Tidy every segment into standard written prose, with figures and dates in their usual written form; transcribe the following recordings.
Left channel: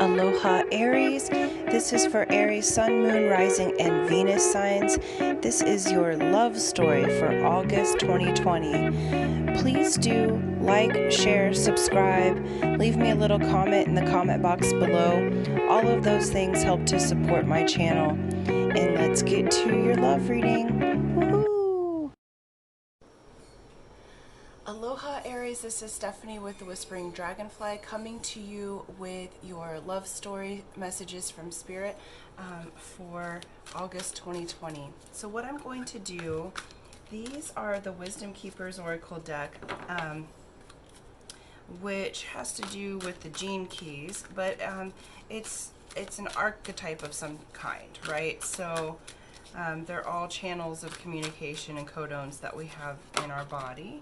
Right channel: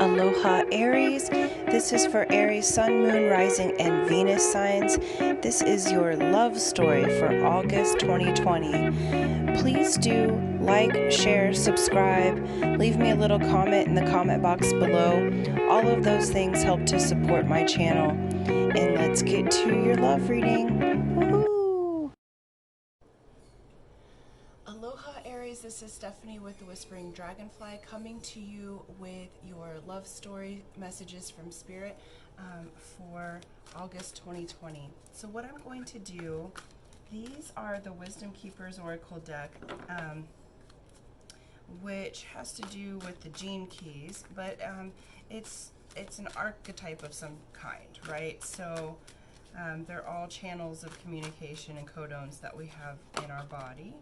Aloha Aries. This is for Aries, Sun, Moon, Rising, and Venus signs. This is your love story for August 2020. Please do like, share, subscribe, leave me a little comment in the comment box below. All of those things help to support my channel. And let's get to your love reading. Woohoo! Aloha Aries, this is Stephanie with the Whispering Dragonfly coming to you with your love story messages from Spirit for August 2020. So what I'm going to do, these are the Wisdom Keepers Oracle deck, which has to do with the gene keys, but it's an archetype of some kind, right? So they're all channels of communication and codones that we have in our body.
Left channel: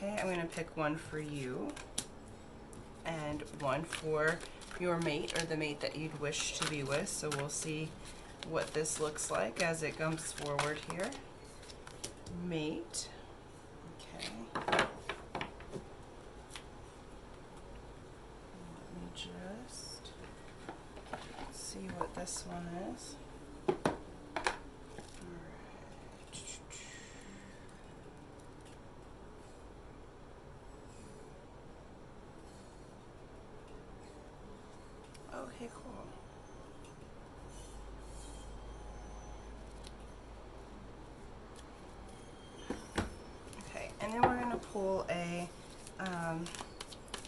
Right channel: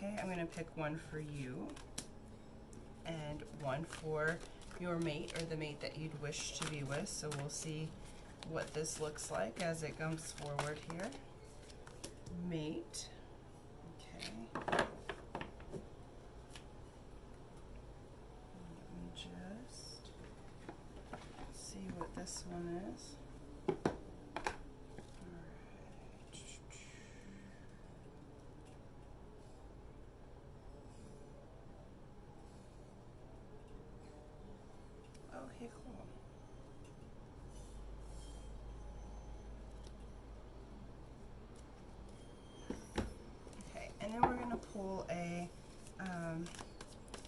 Okay, I'm going to pick one for you and one for your mate or the mate that you'd wish to be with. So we'll see what this looks like as it comes forward here. Mate. Okay. Let me just see what this one is. Okay, cool. Okay, and then we're going to pull a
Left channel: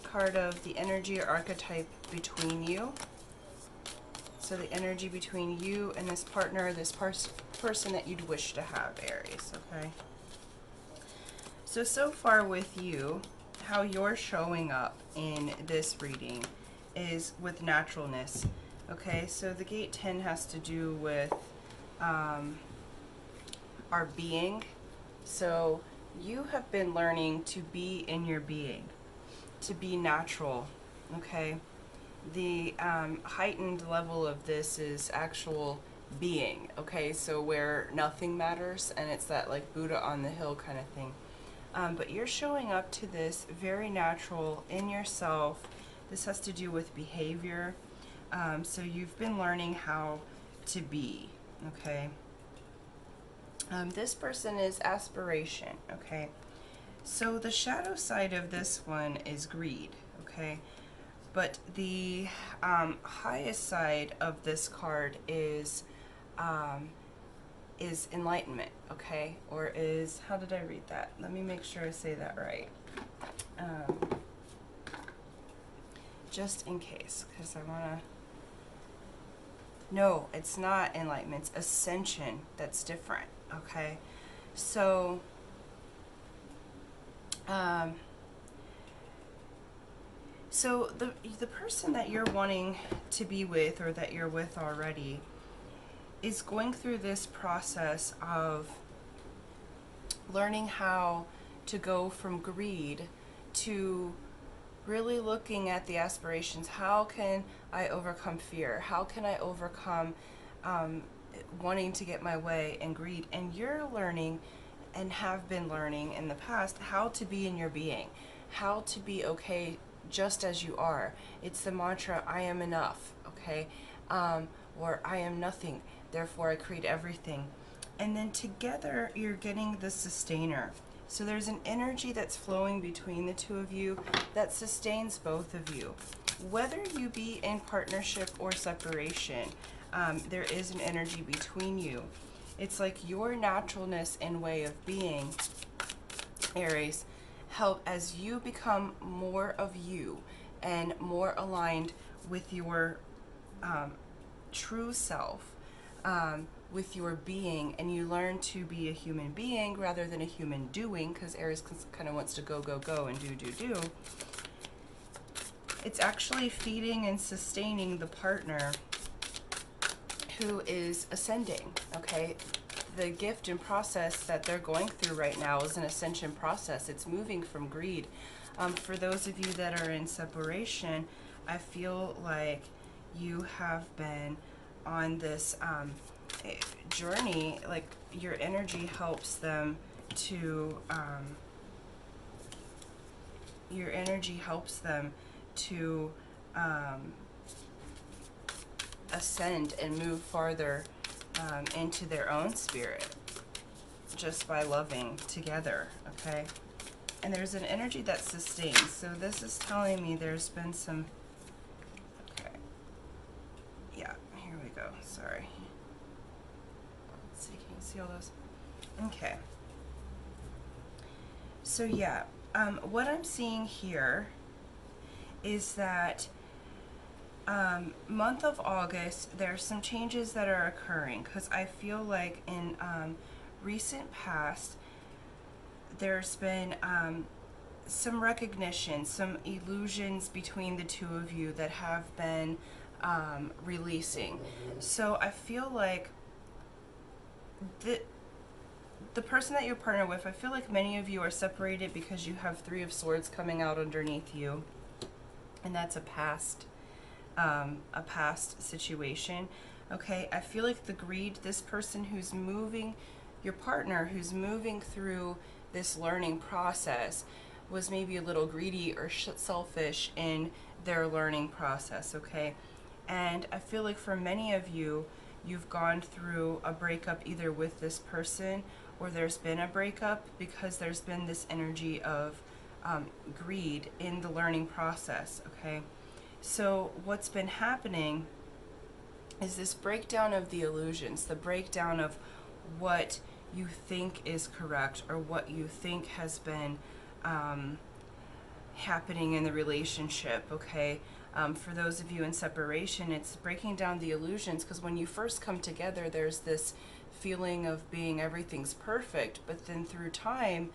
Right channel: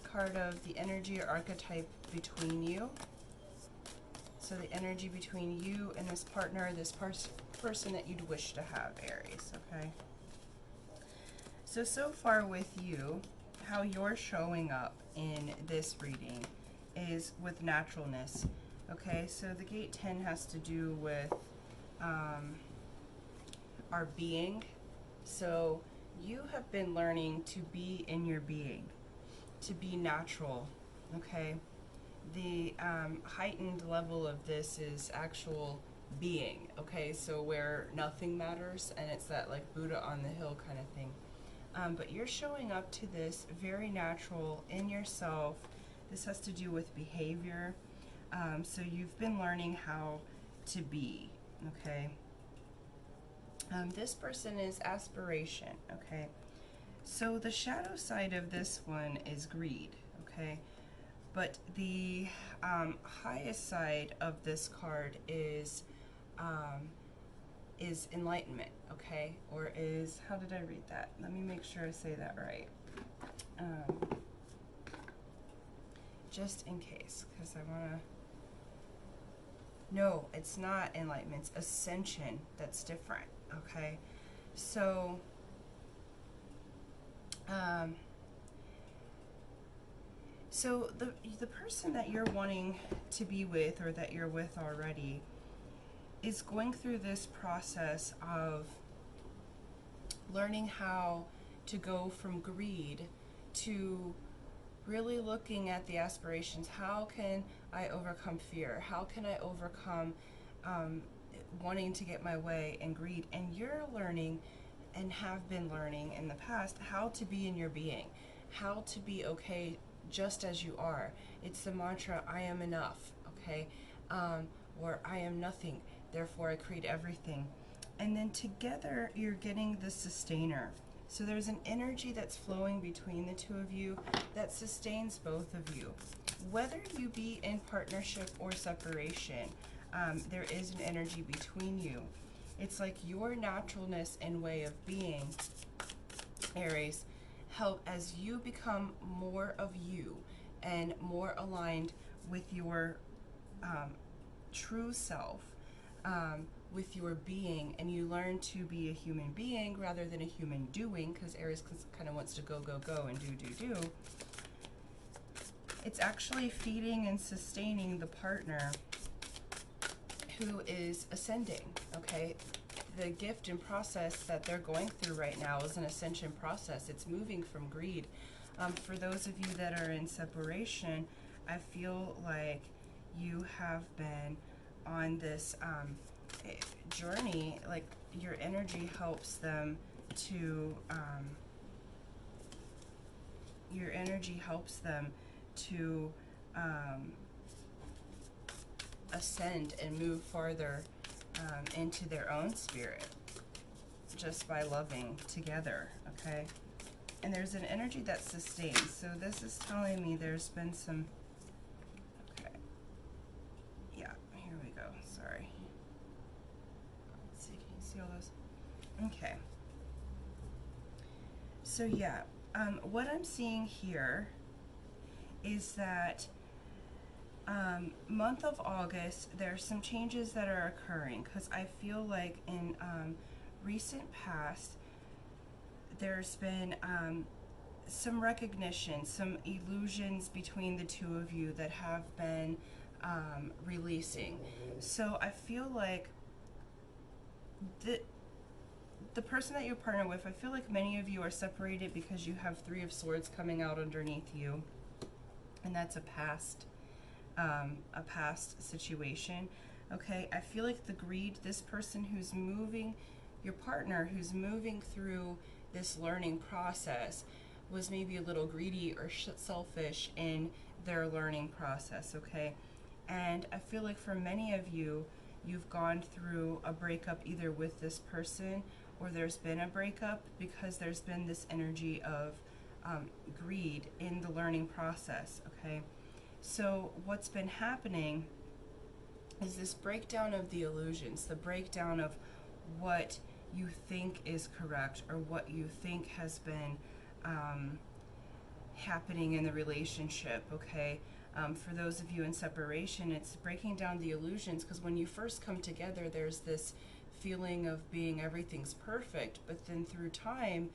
card of the energy or archetype between you. So the energy between you and this partner, this person that you'd wish to have, Aries, okay? So far with you, how you're showing up in this reading is with naturalness. Okay, so the gate 10 has to do with our being. So you have been learning to be in your being, to be natural. Okay, the heightened level of this is actual being. Okay, so where nothing matters, and it's that like Buddha on the hill kind of thing. But you're showing up to this very natural in yourself. This has to do with behavior. So you've been learning how to be, okay? This person is aspiration, okay? So the shadow side of this one is greed, okay? But the highest side of this card is enlightenment, okay? Or is, how did I read that? Let me make sure I say that right. Just in case, because I want to... No, it's not enlightenment, it's ascension. That's different, okay? So, so the person that you're wanting to be with, or that you're with already, is going through this process of learning how to go from greed to really looking at the aspirations. How can I overcome fear? How can I overcome wanting to get my way and greed? And you're learning, and have been learning in the past, how to be in your being, how to be okay just as you are. It's the mantra, I am enough, okay? Or I am nothing, therefore I create everything. And then together you're getting the sustainer. So there's an energy that's flowing between the two of you that sustains both of you. Whether you be in partnership or separation, there is an energy between you. It's like your naturalness and way of being, Aries, help as you become more of you and more aligned with your true self, with your being, and you learn to be a human being rather than a human doing, because Aries kind of wants to go, go, go and do. It's actually feeding and sustaining the partner who is ascending, okay? The gift and process that they're going through right now is an ascension process. It's moving from greed. For those of you that are in separation, I feel like you have been on this journey, like your energy helps them to ascend and move farther into their own spirit just by loving together, okay? And there's an energy that sustains. So this is telling me there's been some, okay, yeah, here we go, sorry. Let's see, can you see all those? Okay. So yeah, what I'm seeing here is that month of August, there's some changes that are occurring, because I feel like in recent past, there's been some recognition, some illusions between the two of you that have been releasing. So I feel like the person that you partner with, I feel like many of you are separated because you have Three of Swords coming out underneath you, and that's a past situation. Okay, I feel like the greed, this person who's moving, your partner who's moving through this learning process, was maybe a little greedy or selfish in their learning process, okay? And I feel like for many of you, you've gone through a breakup either with this person, or there's been a breakup because there's been this energy of greed in the learning process, okay? So what's been happening is this breakdown of the illusions, the breakdown of what you think is correct or what you think has been happening in the relationship, okay? For those of you in separation, it's breaking down the illusions, because when you first come together, there's this feeling of being everything's perfect, but then through time,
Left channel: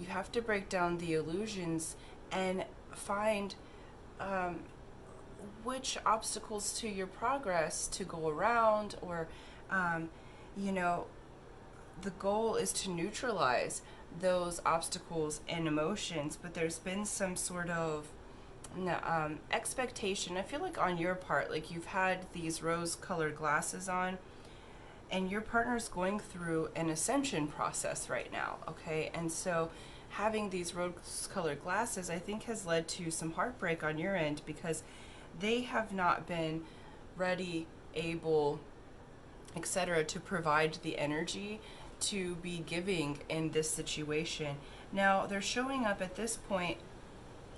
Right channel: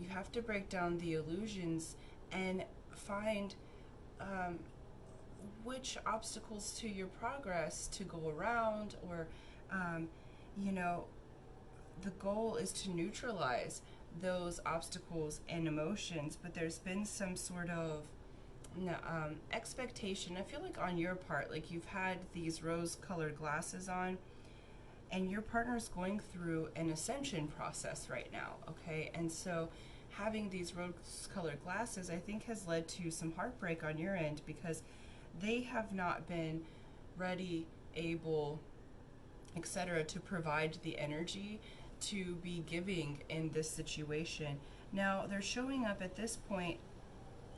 you have to break down the illusions and find which obstacles to your progress to go around, or you know, the goal is to neutralize those obstacles and emotions, but there's been some sort of expectation, I feel like, on your part. Like you've had these rose-colored glasses on, and your partner's going through an ascension process right now, okay? And so having these rose-colored glasses, I think, has led to some heartbreak on your end, because they have not been ready, able, etc., to provide the energy to be giving in this situation. Now, they're showing up at this point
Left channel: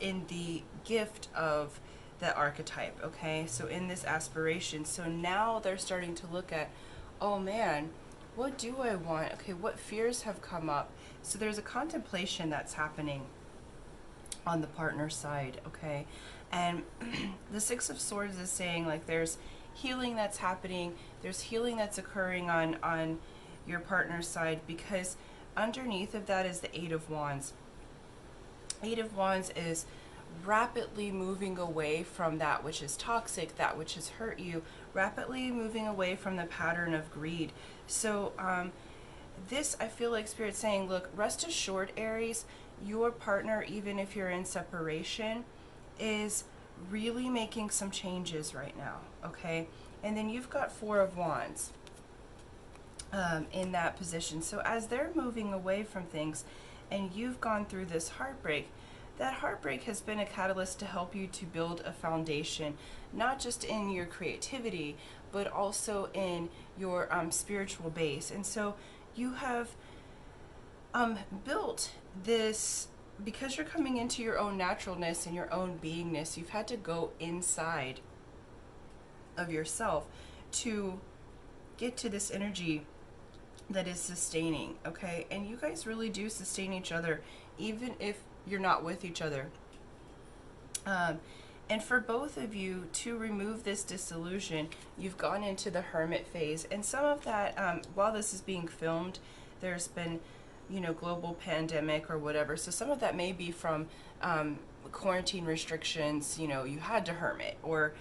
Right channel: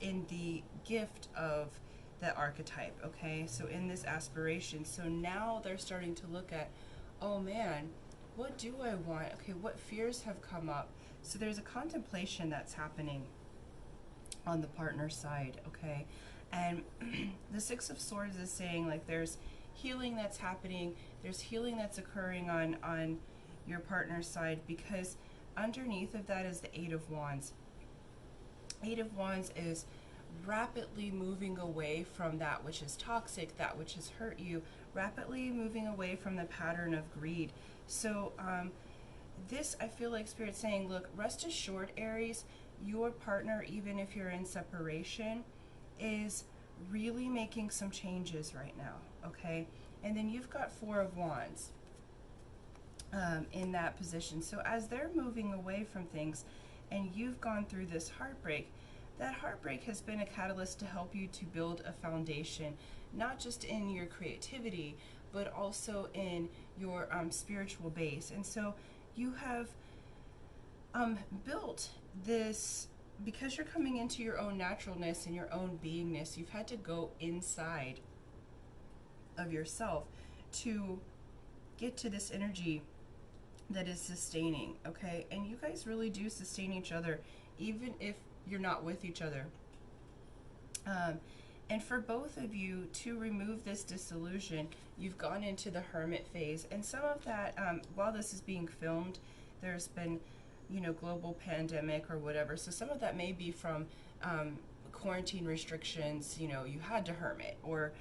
in the gift of the archetype, okay? So in this aspiration. So now they're starting to look at, oh man, what do I want? Okay, what fears have come up? So there's a contemplation that's happening on the partner side, okay? And the Six of Swords is saying, like, there's healing that's happening, there's healing that's occurring on your partner's side, because underneath of that is the Eight of Wands. Eight of Wands is rapidly moving away from that which is toxic, that which has hurt you, rapidly moving away from the pattern of greed. So this, I feel like Spirit's saying, look, rest assured, Aries, your partner, even if you're in separation, is really making some changes right now, okay? And then you've got Four of Wands in that position. So as they're moving away from things and you've gone through this heartbreak, that heartbreak has been a catalyst to help you to build a foundation, not just in your creativity, but also in your spiritual base. And so you have built this, because you're coming into your own naturalness and your own beingness, you've had to go inside of yourself to get to this energy that is sustaining, okay? And you guys really do sustain each other, even if you're not with each other. And for both of you to remove this disillusion, you've gone into the hermit phase. And some of that, while this is being filmed, there's been, you know, global pandemic or whatever. So some of that may be from quarantine restrictions, you know, you had to hermit, or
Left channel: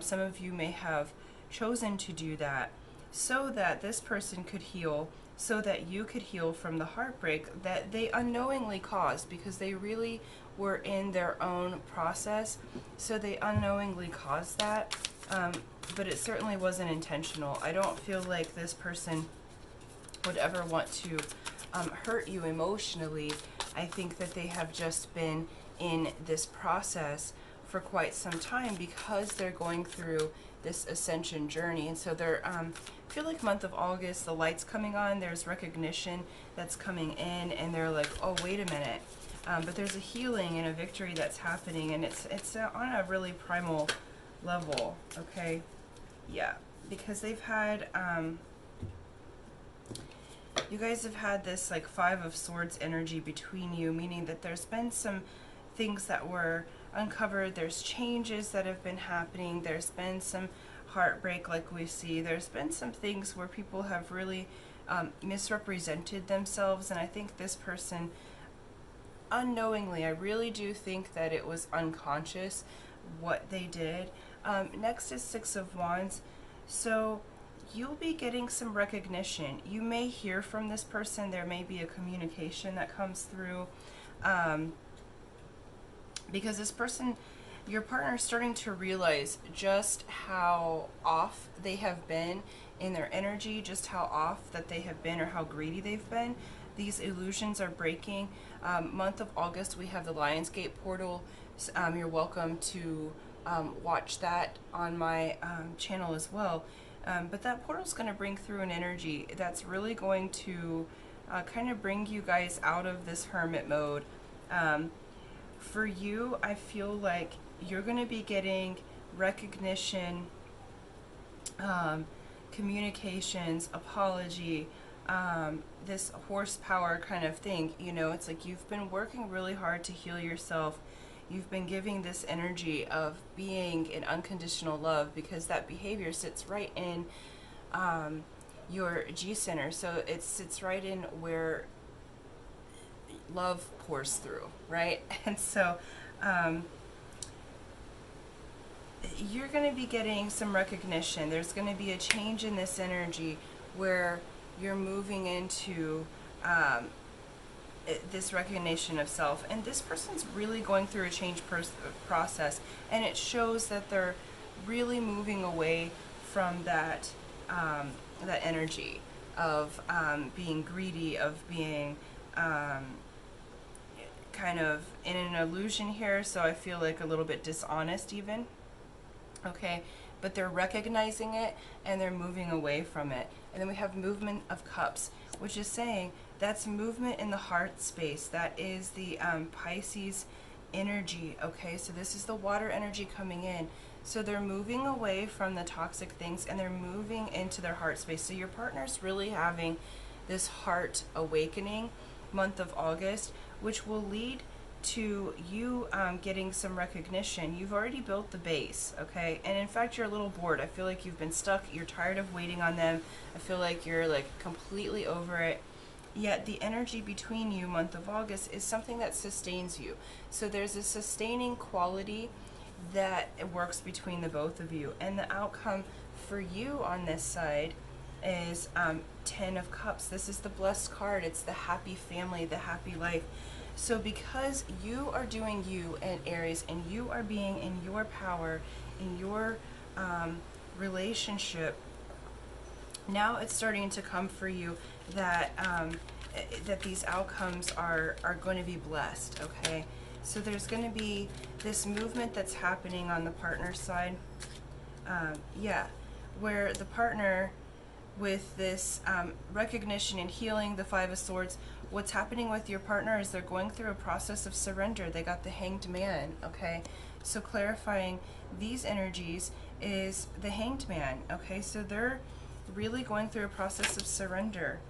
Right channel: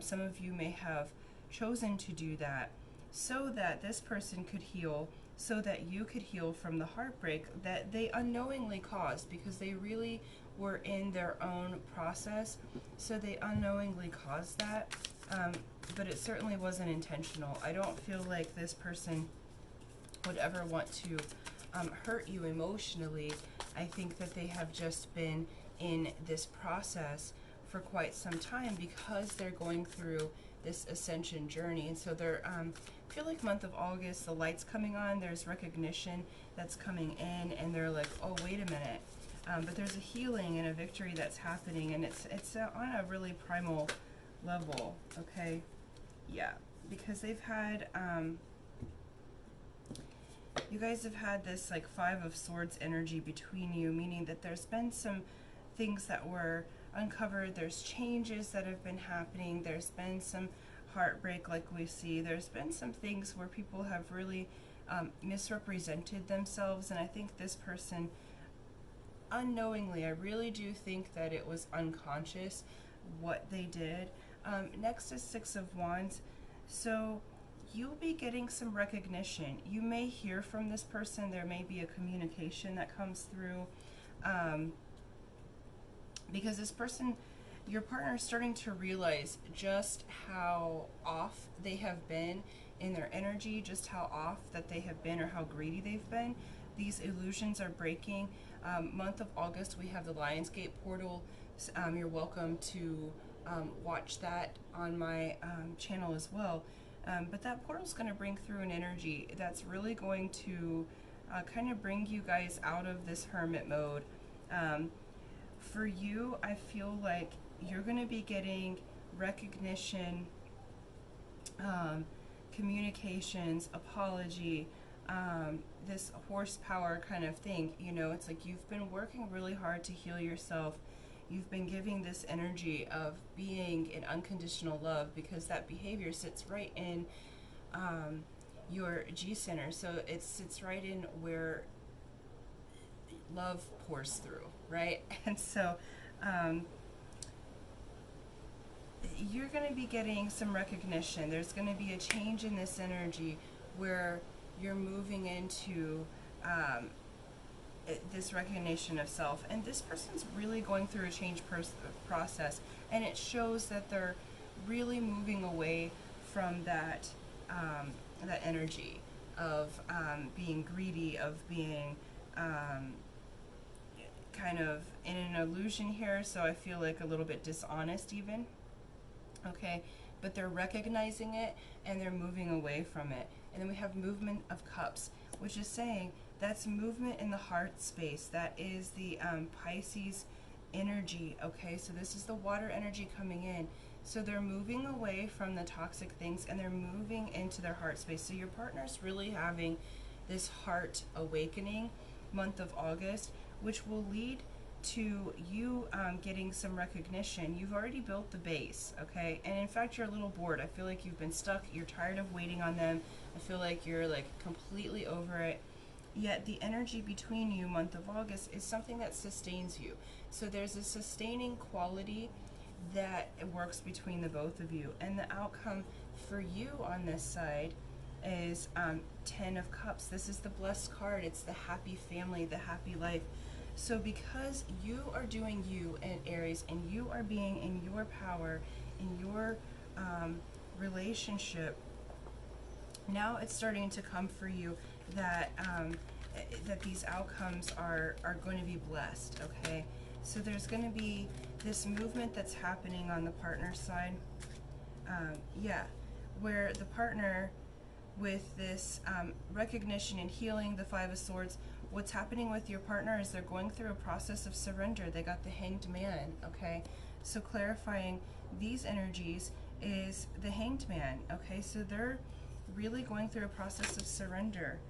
some of you may have chosen to do that so that this person could heal, so that you could heal from the heartbreak that they unknowingly caused, because they really were in their own process, so they unknowingly caused that, but it certainly wasn't intentional. I don't feel like this person would ever want to hurt you emotionally. I think that they have just been in this process for quite some time because they're going through this ascension journey. And so they're, I feel like month of August, the light's coming on, there's recognition that's coming in, and they're like, oh, wait a minute. But there's a healing and a victory that's happening, and it's on a really primal level, okay? Yeah, because they've had, you guys have had this like Five of Swords energy between you, meaning that there's been some things that were uncovered, there's changes that have been happening, there's been some heartbreak like we see, there's been some things where people have really misrepresented themselves, and I think this person, unknowingly, I really do think that it was unconscious what they did. Next is Six of Wands. So you'll be getting some recognition. You may hear from this person. There may be a communication that comes through. Because this person, your partner, is starting to realize just how off they have been in their energy, just how off that they have been or how greedy they've been. These illusions are breaking. Month of August, we have the Lionsgate portal. You're welcome to watch that on my channel as well. But that portal is going to bring through an energy that's really going to kind of bring you guys out of this hermit mode. For you, I feel like you're going to be getting recognition, communications, apology, this horsepower kind of thing. You know, it's like you've been working really hard to heal yourself. You've been giving this energy of being in unconditional love, because that behavior sits right in your G center. So it sits right in where love pours through, right? And so you're going to be getting some recognition. There's going to be a change in this energy where you're moving into this recognition of self, and this person's really going through a change process, and it shows that they're really moving away from that that energy of being greedy, of being kind of in an illusion here. So I feel like a little bit dishonest even. Okay, but they're recognizing it and they're moving away from it. And then we have movement of cups, which is saying that's movement in the heart space. That is the Pisces energy. Okay, so this is the water energy coming in. So they're moving away from the toxic things and they're moving into their heart space. So your partner's really having this heart awakening month of August, which will lead to you getting some recognition. You've already built the base, okay? And in fact, you're a little bored. I feel like you've been stuck. You're tired of waiting on them. I feel like you're like completely over it. Yet the energy between you, month of August, is something that sustains you. So there's a sustaining quality that works between the both of you. And the outcome for you on this side is 10 of Cups. This is the blessed card. It's the happy family, the happy life. So because you are doing you and Aries, and you are being in your power, in your relationship, now it's starting to come for you that that these outcomes are going to be blessed, okay? So there's going to be this movement that's happening on the partner side, where the partner, with this recognition and healing, the Five of Swords, what's happening with your partner is they're going through a process of surrender. They got the Hanged Man, okay? So clarifying these energies is the Hanged Man, okay? So they're really going through a process of surrender,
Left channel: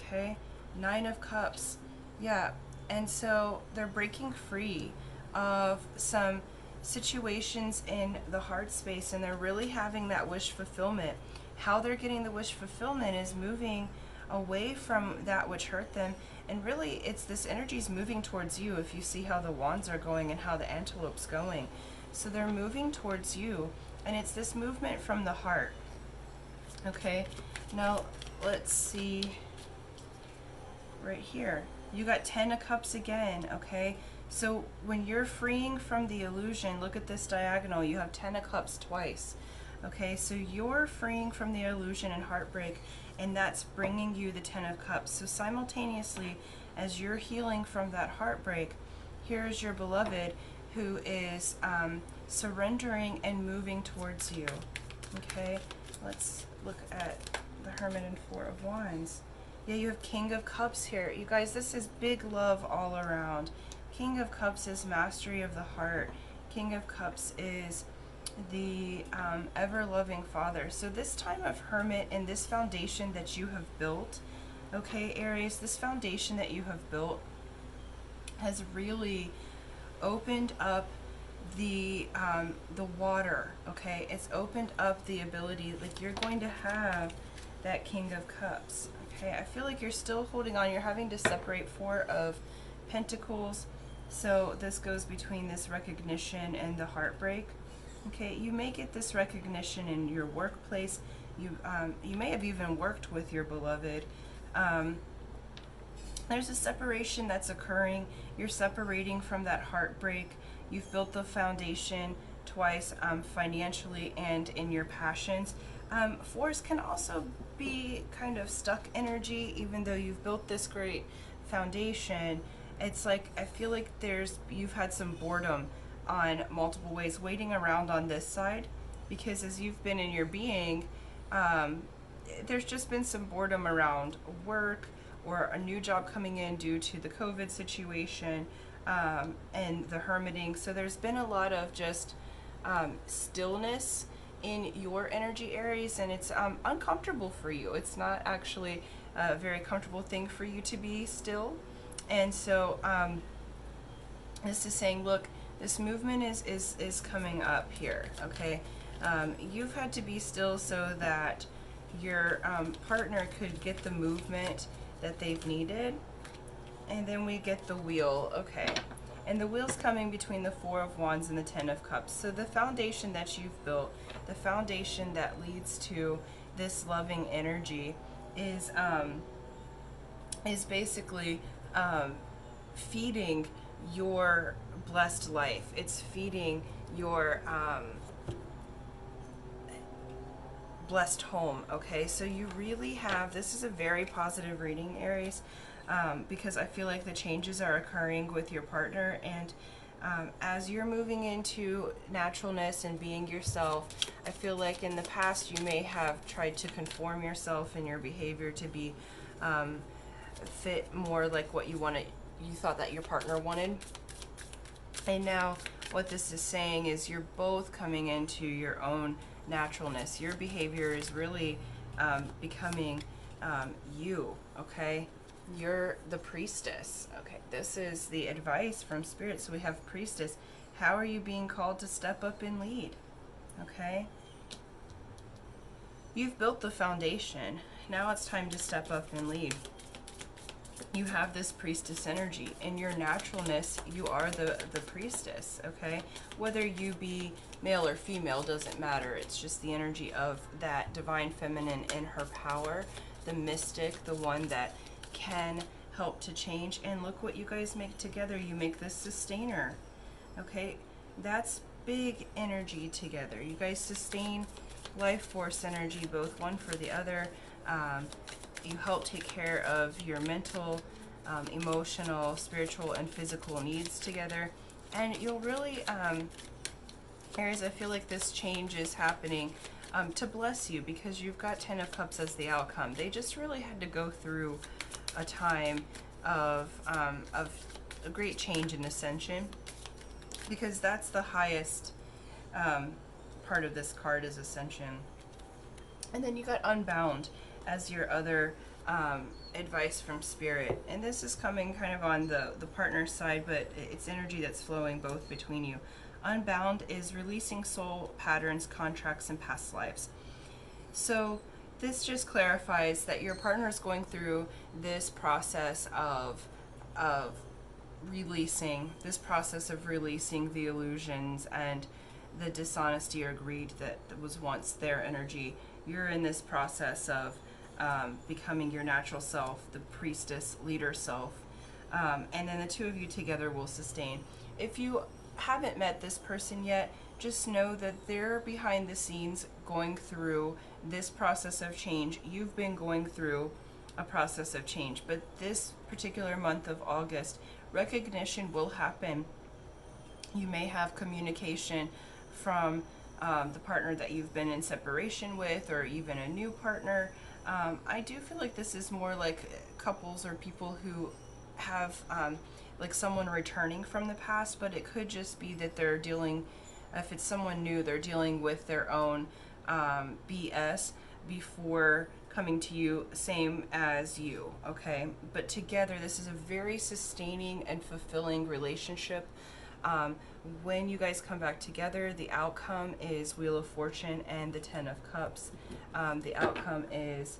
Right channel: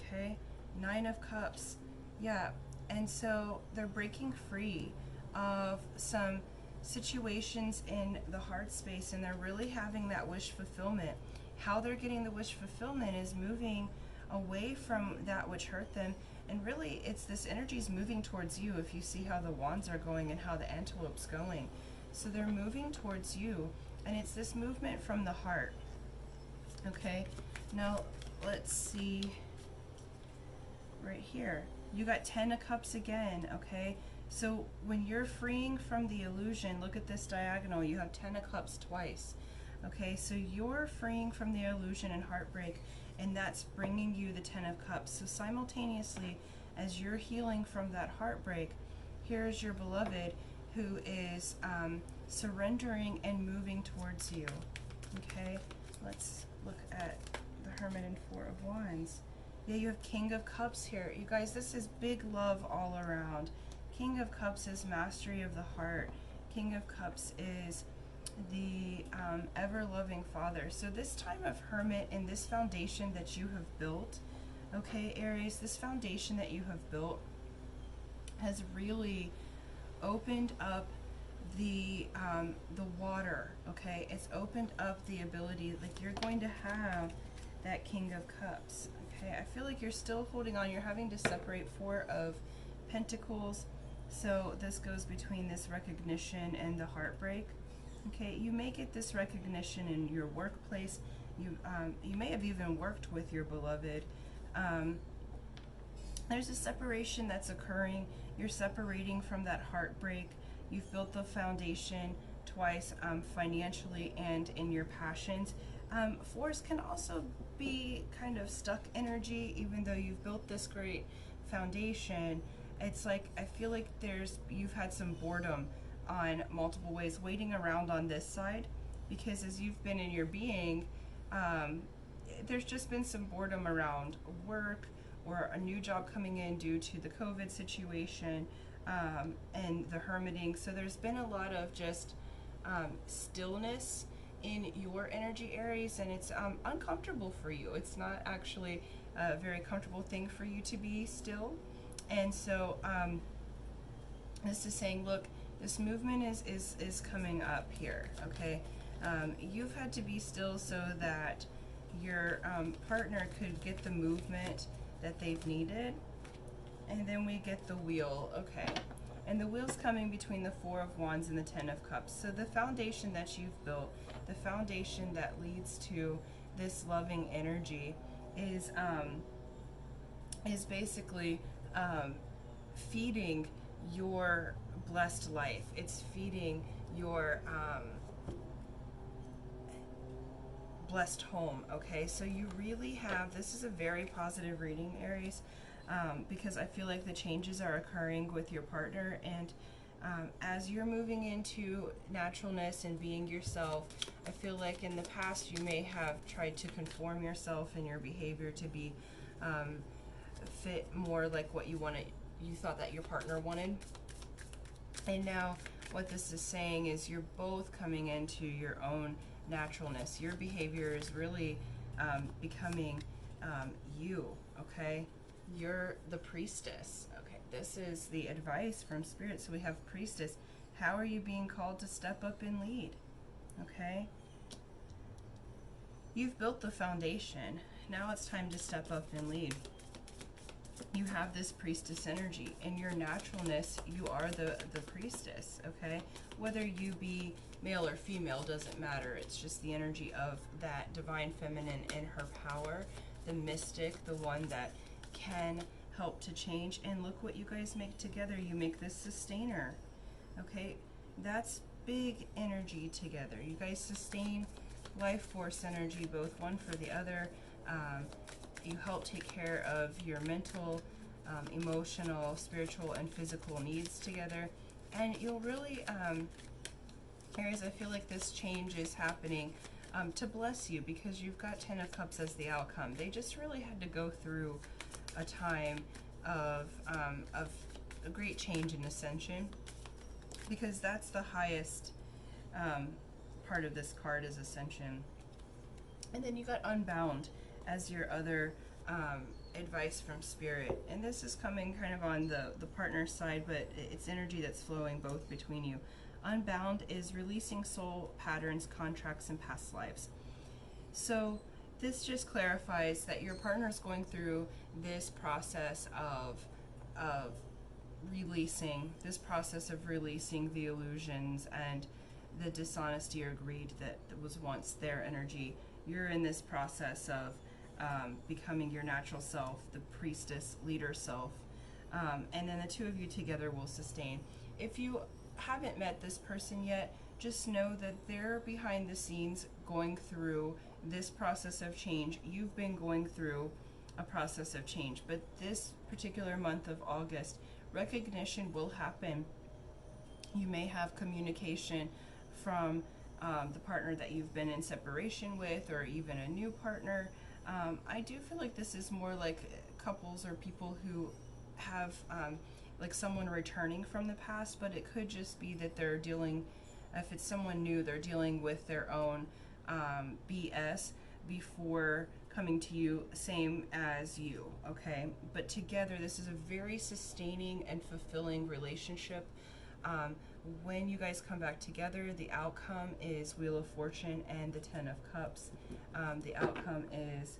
okay? 9 of Cups, yeah. And so they're breaking free of some situations in the heart space, and they're really having that wish fulfillment. How they're getting the wish fulfillment is moving away from that which hurt them, and really it's this energy's moving towards you. If you see how the wands are going and how the antelope's going, so they're moving towards you, and it's this movement from the heart, okay? Now let's see right here, you got 10 of Cups again, okay? So when you're freeing from the illusion, look at this diagonal, you have 10 of Cups twice, okay? So you're freeing from the illusion and heartbreak, and that's bringing you the 10 of Cups. So simultaneously, as you're healing from that heartbreak, here's your beloved who is surrendering and moving towards you. Okay, let's look at the Hermit and Four of Wands. Yeah, you have King of Cups here. You guys, this is big love all around. King of Cups is mastery of the heart. King of Cups is the ever-loving Father. So this time of Hermit and this foundation that you have built, okay, Aries, this foundation that you have built has really opened up the water, okay? It's opened up the ability, like you're going to have that King of Cups, okay? I feel like you're still holding on. You're having to separate Four of Pentacles. So this goes between this recognition and the heartbreak. Okay, you may get this recognition in your workplace. You may have even worked with your beloved. There's a separation that's occurring. You're separating from that heartbreak. You've built the foundation twice, financially and in your passions. Fours can also be kind of stuck energy, even though you've built this great foundation. It's like, I feel like you've had some boredom on multiple ways, waiting around on this side, because as you've been in your being, there's just been some boredom around work or a new job coming in due to the COVID situation, and the hermiting. So there's been a lot of just stillness in your energy, Aries, and it's uncomfortable for you. It's not actually a very comfortable thing for you to be still. And so this is saying, look, this movement is coming up here, okay? You've had to be still so that your partner could get the movement that they've needed. And then we get the Wheel, okay? And the Wheel's coming between the Four of Wands and the Ten of Cups. So the foundation that you've built, the foundation that leads to this loving energy is basically feeding your blessed life. It's feeding your blessed home, okay? So you really have, this is a very positive reading, Aries, because I feel like the changes are occurring with your partner, and as you're moving into naturalness and being yourself, I feel like in the past you may have tried to conform yourself and your behavior to be fit more like what you thought that your partner wanted. And now what this is saying is you're both coming into your own naturalness. Your behavior is really becoming you, okay? You're the priestess, okay? This is the advice from Spirit. So we have Priestess. How are you being called to step up and lead, okay? You've built the foundation. Now it's time to step up and lead. You have this priestess energy. In your naturalness, you are the priestess, okay? Whether you be male or female doesn't matter. It's just the energy of that divine feminine in her power, the mystic, the one that can help to change. And look what you guys make together. You make this sustainer, okay? That's big energy together. You guys sustain life force energy, both one for the other. You help take care of your mental, emotional, spiritual, and physical needs together. And you'll really, Aries, I feel like this change is happening to bless you, because you've got Ten of Cups as the outcome. They just really had to go through a time of a great change and ascension, because that's the highest part of this card is ascension. And then you got Unbound as your other advice from Spirit. And this is coming kind of on the partner side, but it's energy that's flowing both between you. Unbound is releasing soul patterns, contracts, and past lives. So this just clarifies that your partner is going through this process of releasing the illusions and the dishonesty or greed that was once their energy. You're in this process of becoming your natural self, the priestess leader self, and then the two of you together will sustain. If you haven't met this person yet, just know that they're behind the scenes going through this process of change. You've been going through a process of change, but this particular month of August, recognition will happen You may have communication from the partner that you've been in separation with, or even a new partner. I do feel like this is more like couples or people who have like someone returning from the past, but it could just be that they're dealing, if it's someone new, they're dealing with their own BS before coming to you, same as you, okay? But together, this is a very sustaining and fulfilling relationship. Um, when you guys come back together, the outcome is Wheel of Fortune and the Ten of Cups. The outcome is,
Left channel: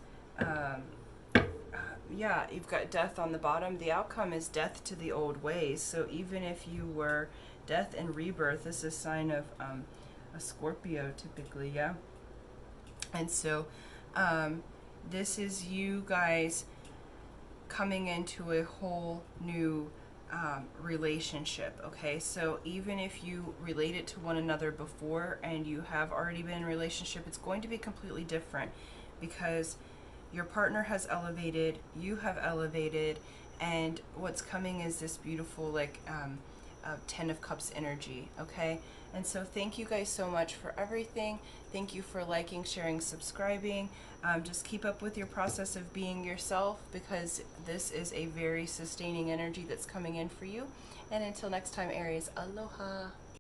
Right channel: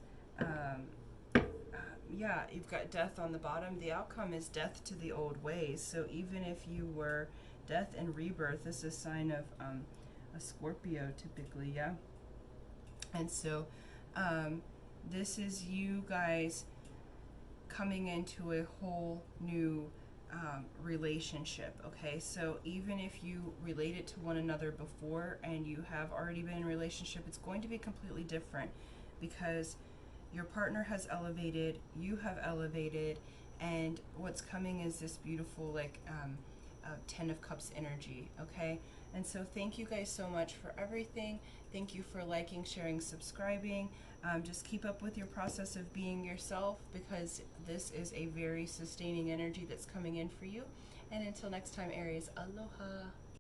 yeah, you've got death on the bottom. The outcome is death to the old ways. So even if you were death and rebirth, this is a sign of a Scorpio typically, yeah? And so this is you guys coming into a whole new relationship, okay? So even if you related to one another before and you have already been in a relationship, it's going to be completely different because your partner has elevated, you have elevated, and what's coming is this beautiful like Ten of Cups energy, okay? And so thank you guys so much for everything. Thank you for liking, sharing, subscribing. Just keep up with your process of being yourself, because this is a very sustaining energy that's coming in for you. And until next time, Aries, aloha.